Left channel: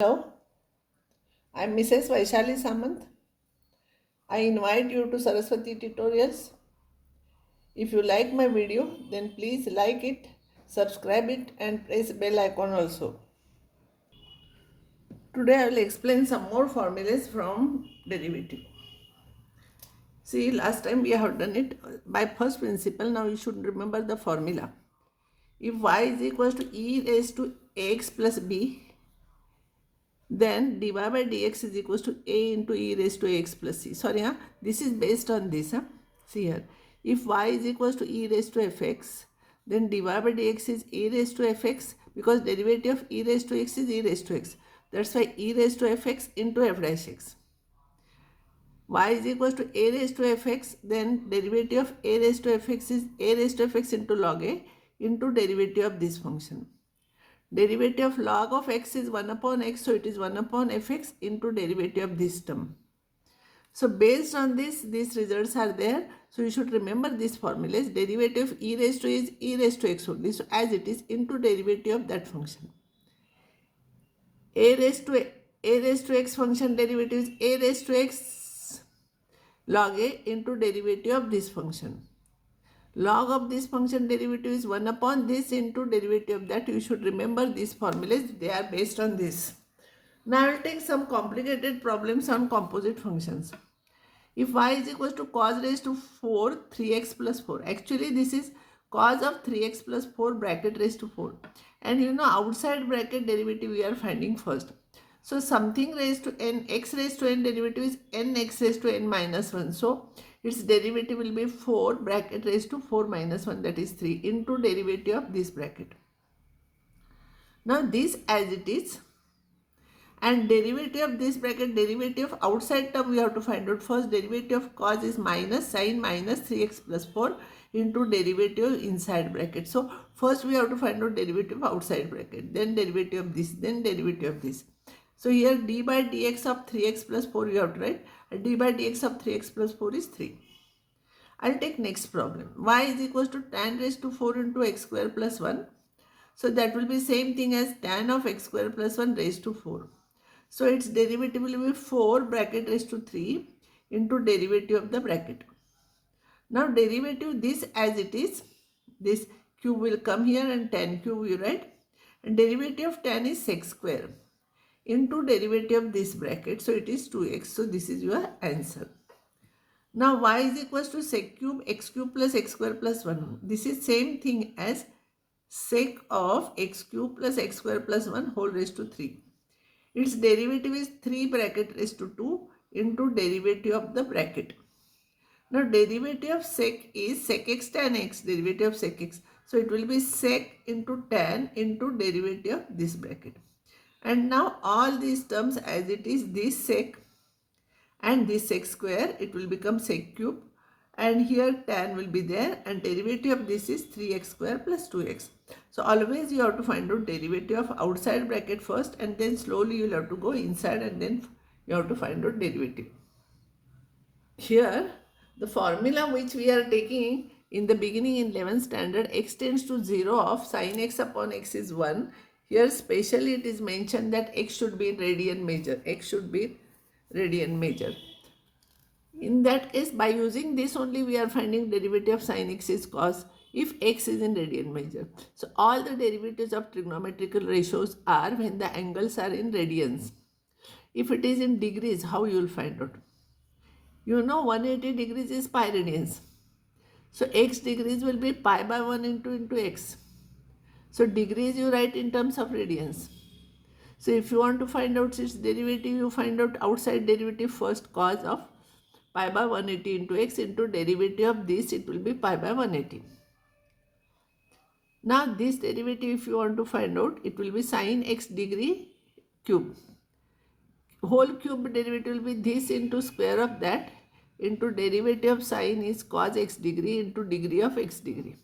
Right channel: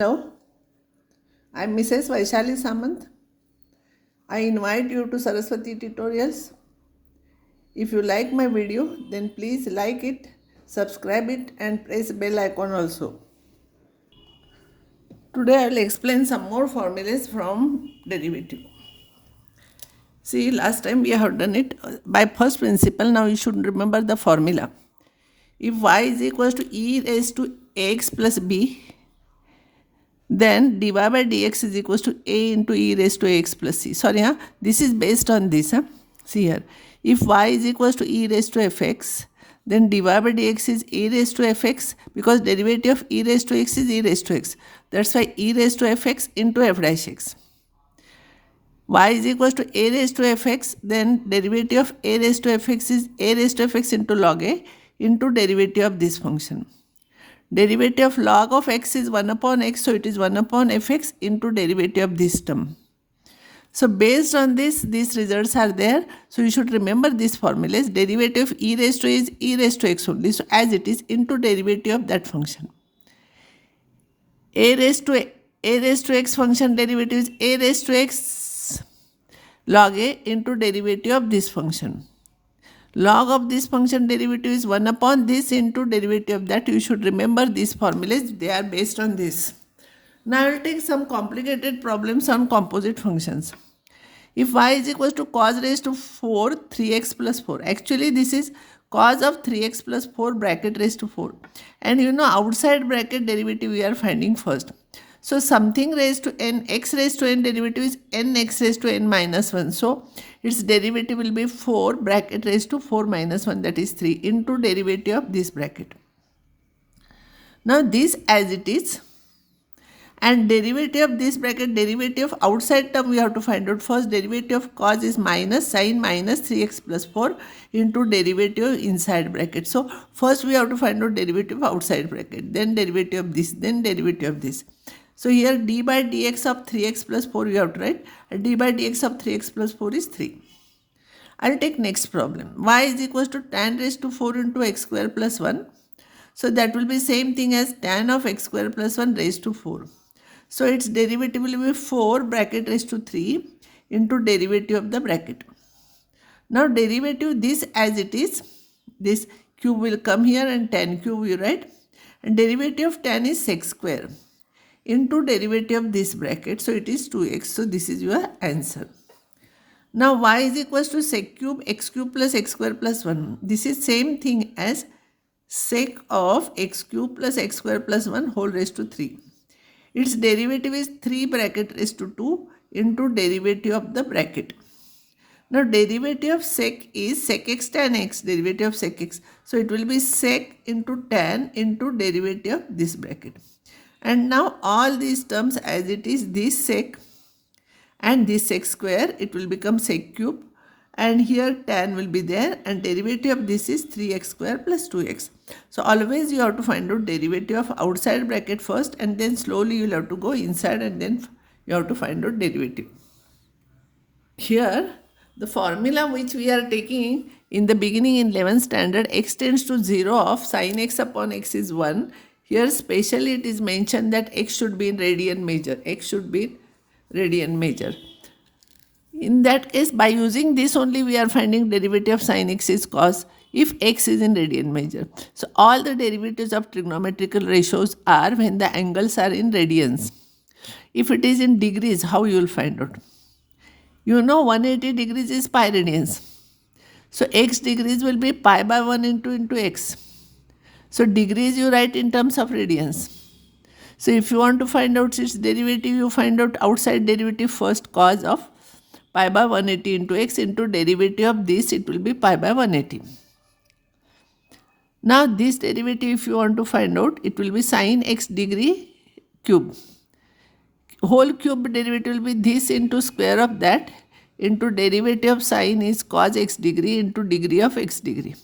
Hello, I'm Mrs. Vaishali Samant. I invite you to Saraswati Tutorials. If you like my video, then please like it, subscribe it and press bell icon also. Today I will explain some more formulas from derivative. See, last time we have done it by first principle. Now you should remember the formula. If y is equals to e raised to ax plus b, then dy by dx is equals to a into e raised to ax plus c. Sorry, this is based on this. See here, if y is equals to e raised to fx, then dy by dx is a raised to fx, because derivative of e raised to x is e raised to x. That's why e raised to fx into f dash x. Y is equals to a raised to fx, then derivative of a raised to fx is a raised to fx into log a into derivative of this function. Derivative of log of x is 1 upon x, so it is 1 upon fx into derivative of this term. So based on this, these results are there. So you should remember this formula is derivative of e raised to is e raised to x only. So as it is into derivative of that function. A raised to x function derivative is a raised to x log a into derivative of this function. Log of this function derivative is 1 upon this into derivative of that. You should remember these formulas. They are based on this. Now I will take some complicated problems on composite functions. If y is equal to cos raised to 4, 3x plus 4. Actually this is cos of 3x plus 4 bracket raised to 4. And you know outside bracket derivative we are finding first. So something raised to n, x raised to n derivative is nx raised to n minus 1. So its derivative will be 4 bracket raised to 4 minus 1, that is 3 into derivative of this bracket. Now this as it is, and derivative of this bracket, derivative of outside term we have to find out first. Derivative of cos is minus sin minus 3x plus 4 into derivative inside bracket. So first we have to find out derivative of outside bracket, then derivative of this, then derivative of this. So here d by dx of 3x plus 4 we have to write. D by dx of 3x plus 4 is 3. I will take next problem. Y is equals to tan raised to 4 into x square plus 1. So that will be same thing as tan of x square plus 1 raised to 4. So its derivative will be 4 bracket raised to 3 into derivative of the bracket. Now derivative this as it is, this cube will come here and tan cube you write. And derivative of tan is sec square into derivative of this bracket. So it is 2x. So this is your answer. Now y is equals to sec cube x cube plus x square plus 1. This is same thing as sec of x cube plus x square plus 1 whole raised to 3. Its derivative is 3 bracket raised to 2 into derivative of the bracket. Now derivative of sec is sec x tan x, derivative of sec x. So it will be sec into tan into derivative of this bracket. And now all these terms as it is, this sec and this sec square, it will become sec cube, and here tan will be there, and derivative of this is 3x square plus 2x. So always you have to find out derivative of outside bracket first, and then slowly you will have to go inside and then you have to find out derivative. Here the formula which we are taking in the beginning in 11th standard, x tends to 0 of sin x upon x is 1. Here specially it is mentioned that x should be in radian major. X should be radian major. In that case, by using this only we are finding derivative of sin x is cos if x is in radian major. So all the derivatives of trigonometrical ratios are when the angles are in radians. If it is in degrees, how you will find out? You know 180 degrees is pi radians. So x degrees will be pi by 1 into x. So degrees you write in terms of radians. So if you want to find out its derivative, you find out outside derivative first, cos of pi by 180 into x into derivative of this, it will be pi by 180. Now this derivative if you want to find out, it will be sin x degree cube. Whole cube derivative will be this into square of that into derivative of sin is cos x degree into degree of x degree.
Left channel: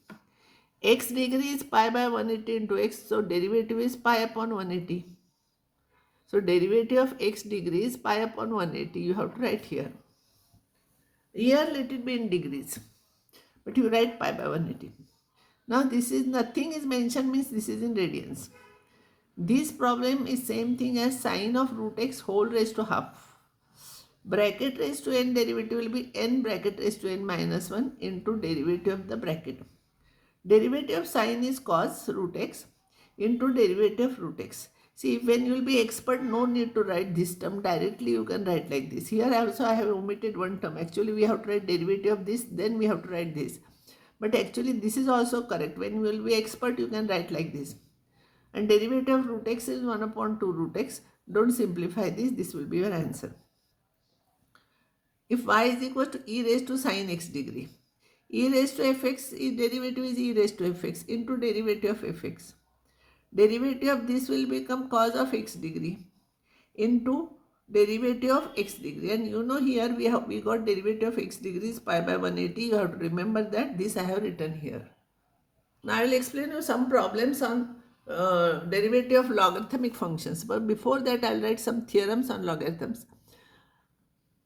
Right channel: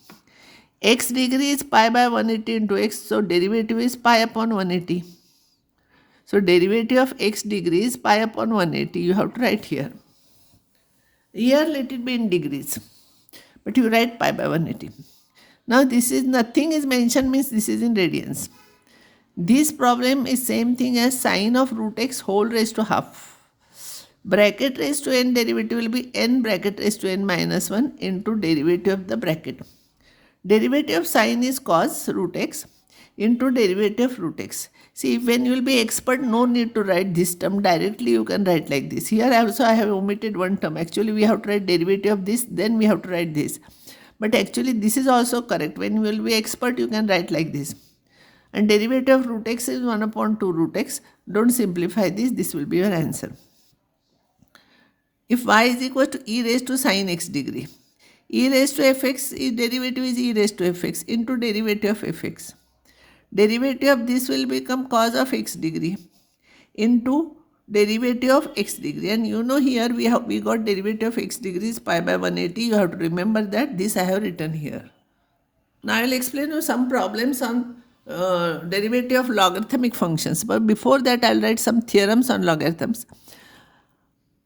X degree is pi by 180 into x, so derivative is pi upon 180. So derivative of x degree is pi upon 180. You have to write here. Here let it be in degrees, but you write pi by 180. Now this is nothing is mentioned means this is in radians. This problem is same thing as sine of root x whole raised to half. Bracket raised to n derivative will be n bracket raised to n minus 1 into derivative of the bracket. Derivative of sine is cos root x into derivative of root x. See, when you will be expert, no need to write this term directly. You can write like this. Here also I have omitted one term. Actually, we have to write derivative of this, then we have to write this. But actually, this is also correct. When you will be expert, you can write like this. And derivative of root x is 1 upon 2 root x. Don't simplify this. This will be your answer. If y is equal to e raised to sine x degree, e raised to fx, derivative is e raised to fx into derivative of fx. Derivative of this will become cos of x degree into derivative of x degree. And you know here we got derivative of x degree is pi by 180. You have to remember that. This I have written here. Now I will explain you some problems on derivative of logarithmic functions. But before that, I will write some theorems on logarithms.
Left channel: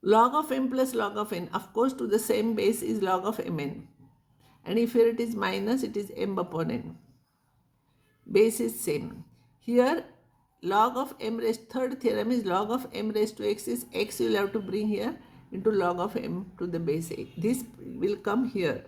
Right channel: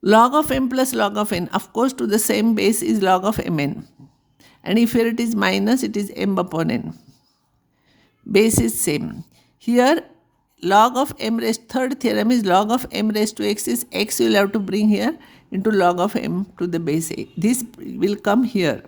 Log of m plus log of n, of course, to the same base is log of mn. And if here it is minus, it is m upon n. Base is same. Here, log of m raised, third theorem is log of m raised to x is x you will have to bring here into log of m to the base a. This will come here.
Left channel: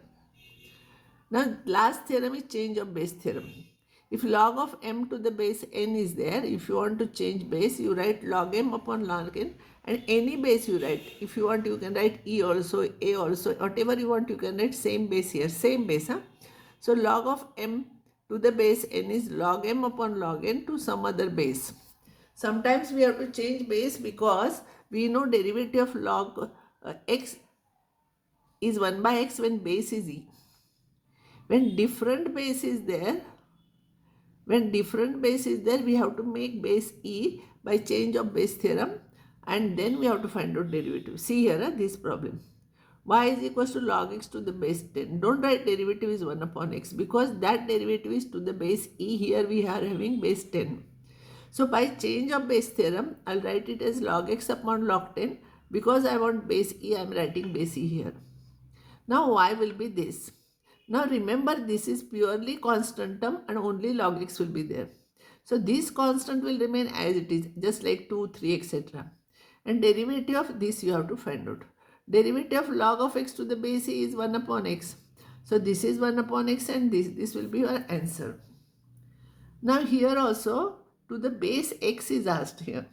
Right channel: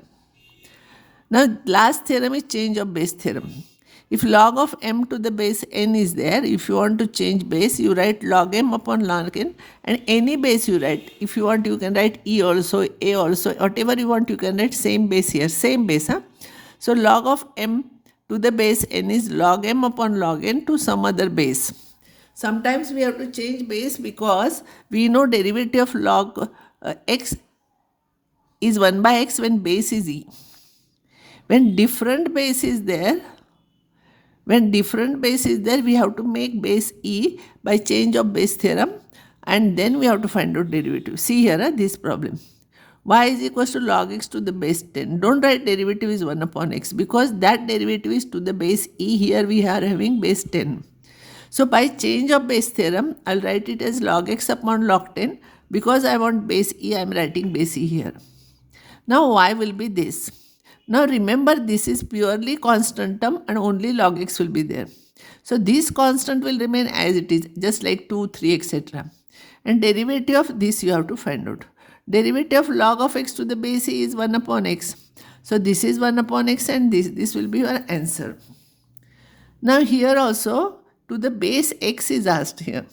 Now, last theorem is change of base theorem. If log of m to the base n is there, if you want to change base, you write log m upon log n, and any base you write. If you want, you can write e also, a also, whatever you want, you can write same base here, same base. Huh? So log of m to the base n is log m upon log n to some other base. Sometimes we have to change base because we know derivative of log x is 1 by x when base is e. When different base is there, we have to make base e by change of base theorem, and then we have to find out derivative. See here this problem. Y is equals to log x to the base 10. Don't write derivative is 1 upon x because that derivative is to the base e. Here we are having base 10. So by change of base theorem, I'll write it as log x upon log 10. Because I want base e, I'm writing base e here. Now y will be this. Now remember, this is purely constant term and only log x will be there. So this constant will remain as it is, just like 2, 3, etc. And derivative of this you have to find out. Derivative of log of x to the base e is 1 upon x. So this is 1 upon x and this will be your answer. Now here also to the base x is asked here.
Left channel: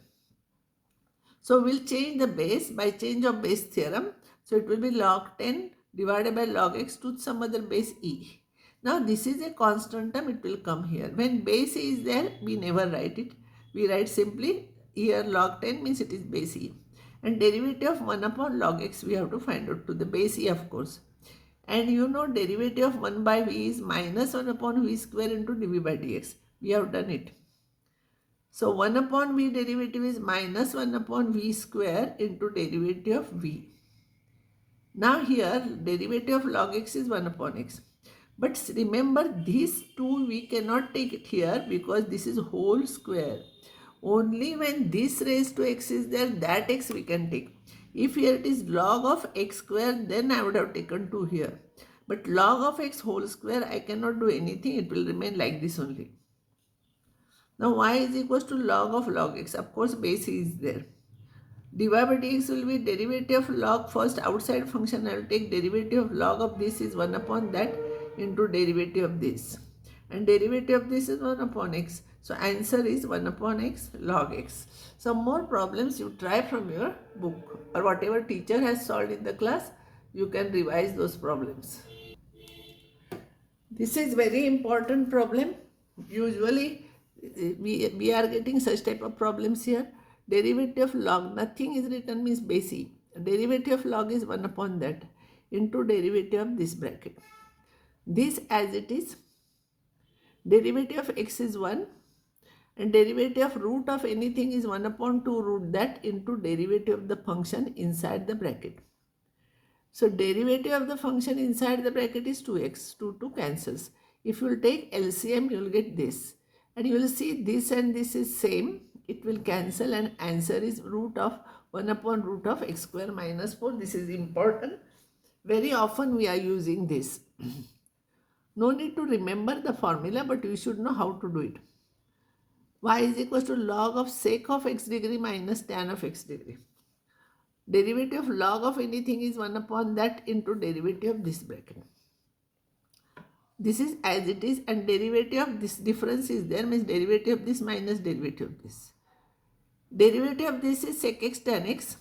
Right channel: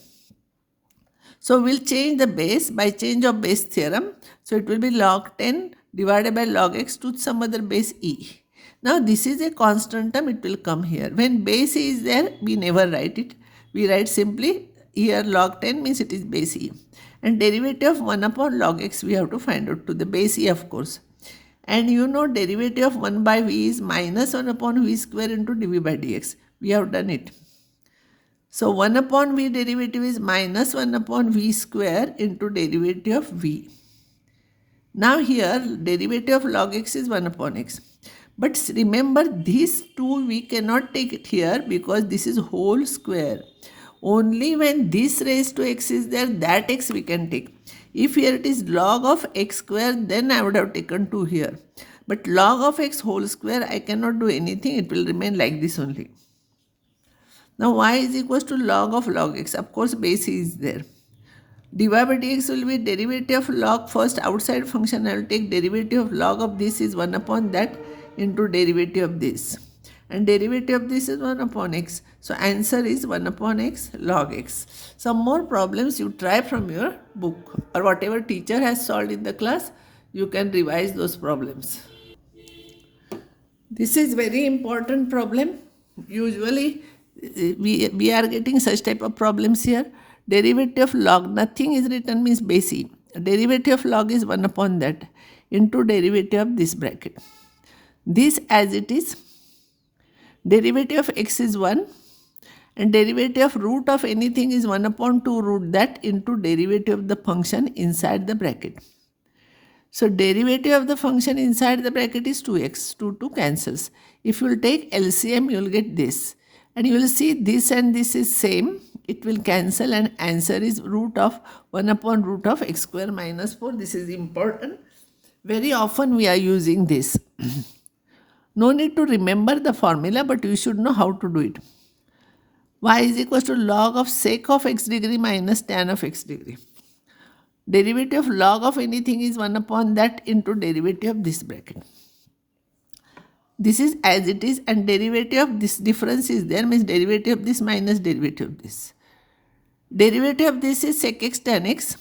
So we'll change the base by change of base theorem. So it will be log 10 divided by log x to some other base e. Now this is a constant term, it will come here. When base e is there, we never write it. We write simply here log 10 means it is base e. And derivative of 1 upon log x we have to find out to the base e, of course. And you know derivative of 1 by v is minus 1 upon v square into dv by dx. We have done it. So 1 upon v derivative is minus 1 upon v square into derivative of v. Now here derivative of log x is 1 upon x. But remember these two we cannot take it here because this is whole square. Only when this raised to x is there, that x we can take. If here it is log of x square, then I would have taken 2 here. But log of x whole square, I cannot do anything. It will remain like this only. Now y is equals to log x. Of course base is there. dy by dx will be derivative of log first outside function. I will take derivative of log of this is 1 upon that into derivative of this. And derivative of this is 1 upon x. So answer is 1 upon x log x. Some more problems you try from your book or whatever teacher has solved in the class. You can revise those problems. This is very important problem. Usually we are getting such type of problems here. Derivative of log, nothing is written means base e. Derivative of log is 1 upon that into derivative of this bracket. This as it is. Derivative of x is 1 and derivative of root of anything is 1 upon 2 root that into derivative of the function inside the bracket. So derivative of the function inside the bracket is 2x. 2 cancels. If you will take LCM, you will get this. And you will see this and this is same. It will cancel and answer is root of 1 upon root of x square minus 4. This is important. Very often we are using this. No need to remember the formula, but you should know how to do it. y is equal to log of sec of x degree minus tan of x degree. Derivative of log of anything is 1 upon that into derivative of this bracket. This is as it is, and derivative of this difference is there, means derivative of this minus derivative of this. Derivative of this is sec x tan x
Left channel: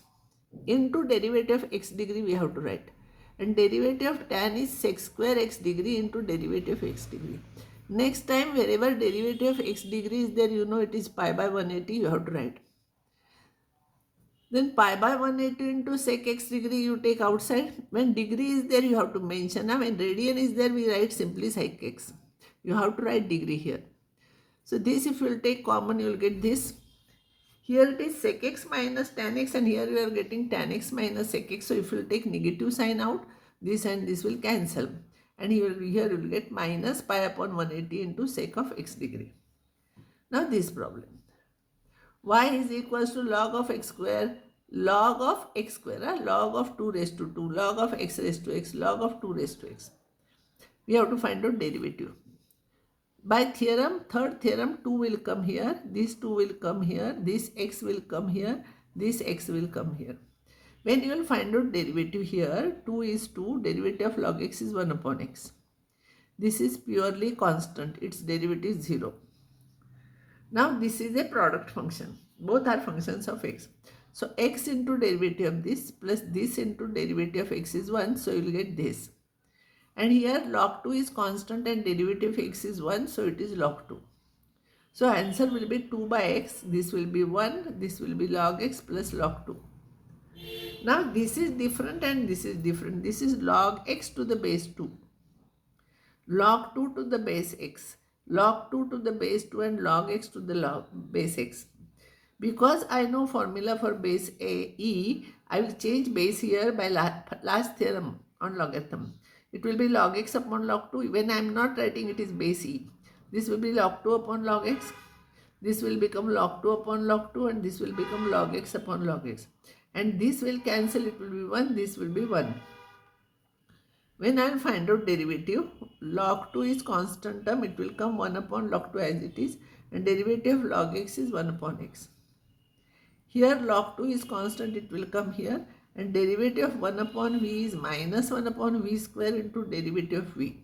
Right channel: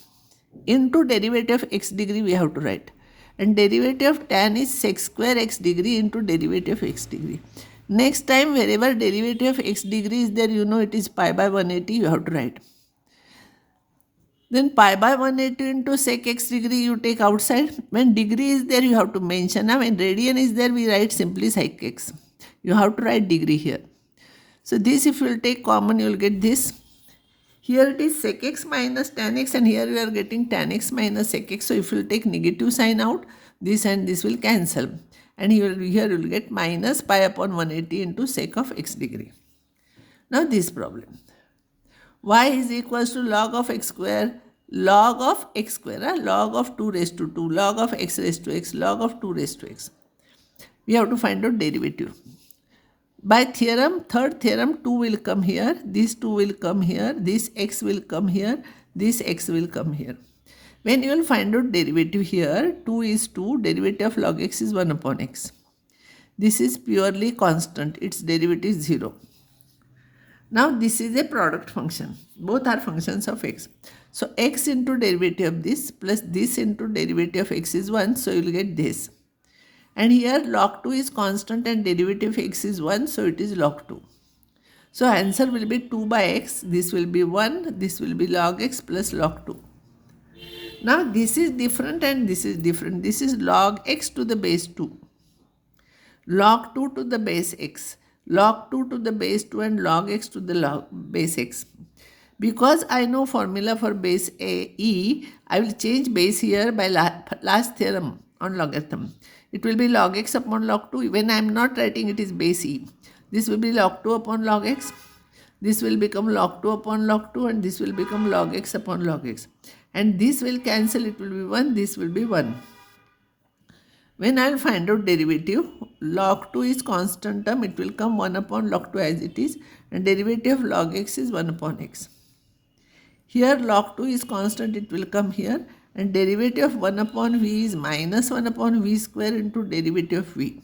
into derivative of x degree we have to write. And derivative of tan is sec square x degree into derivative of x degree. Next time wherever derivative of x degree is there, you know it is pi by 180, you have to write. Then pi by 180 into sec x degree you take outside. When degree is there, you have to mention. Now when radian is there, we write simply sec x. You have to write degree here. So this, if you will take common, you will get this. Here it is sec x minus tan x, and here we are getting tan x minus sec x. So if you will take negative sign out, this and this will cancel. And here you will get minus pi upon 180 into sec of x degree. Now this problem. Y is equals to log of x square, log of x square, log of 2 raised to 2, log of x raised to x, log of 2 raised to x. We have to find out derivative. By theorem, third theorem, 2 will come here, this 2 will come here, this x will come here, this x will come here. When you will find out derivative here, 2 is 2, derivative of log x is 1 upon x. This is purely constant, its derivative is 0. Now this is a product function. Both are functions of x. So x into derivative of this plus this into derivative of x is 1. So you will get this. And here log 2 is constant and derivative of x is 1. So it is log 2. So answer will be 2 by x. This will be 1. This will be log x plus log 2. Now this is different and this is different. This is log x to the base 2. Log 2 to the base x. Log 2 to the base 2 and log x to the base x. Because I know formula for base e, I will change base here by last theorem on logarithm. It will be log x upon log 2. When I am not writing, it is base e. This will be log 2 upon log x. This will become log 2 upon log 2 and this will become log x upon log x. And this will cancel, it will be 1, this will be 1. When I will find out derivative, log 2 is constant term, it will come 1 upon log 2 as it is, and derivative of log x is 1 upon x. Here log 2 is constant, it will come here, and derivative of 1 upon v is minus 1 upon v square into derivative of v.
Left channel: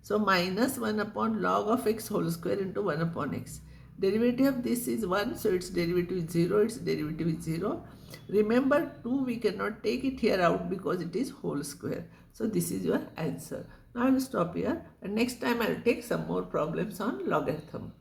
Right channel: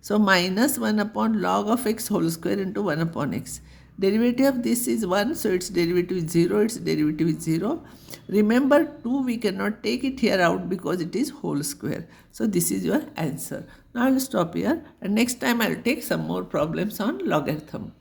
So minus 1 upon log of x whole square into 1 upon x. Derivative of this is 1, so its derivative is 0, its derivative is 0. Remember 2 we cannot take it here out because it is whole square. So this is your answer. Now I will stop here and next time I will take some more problems on logarithm.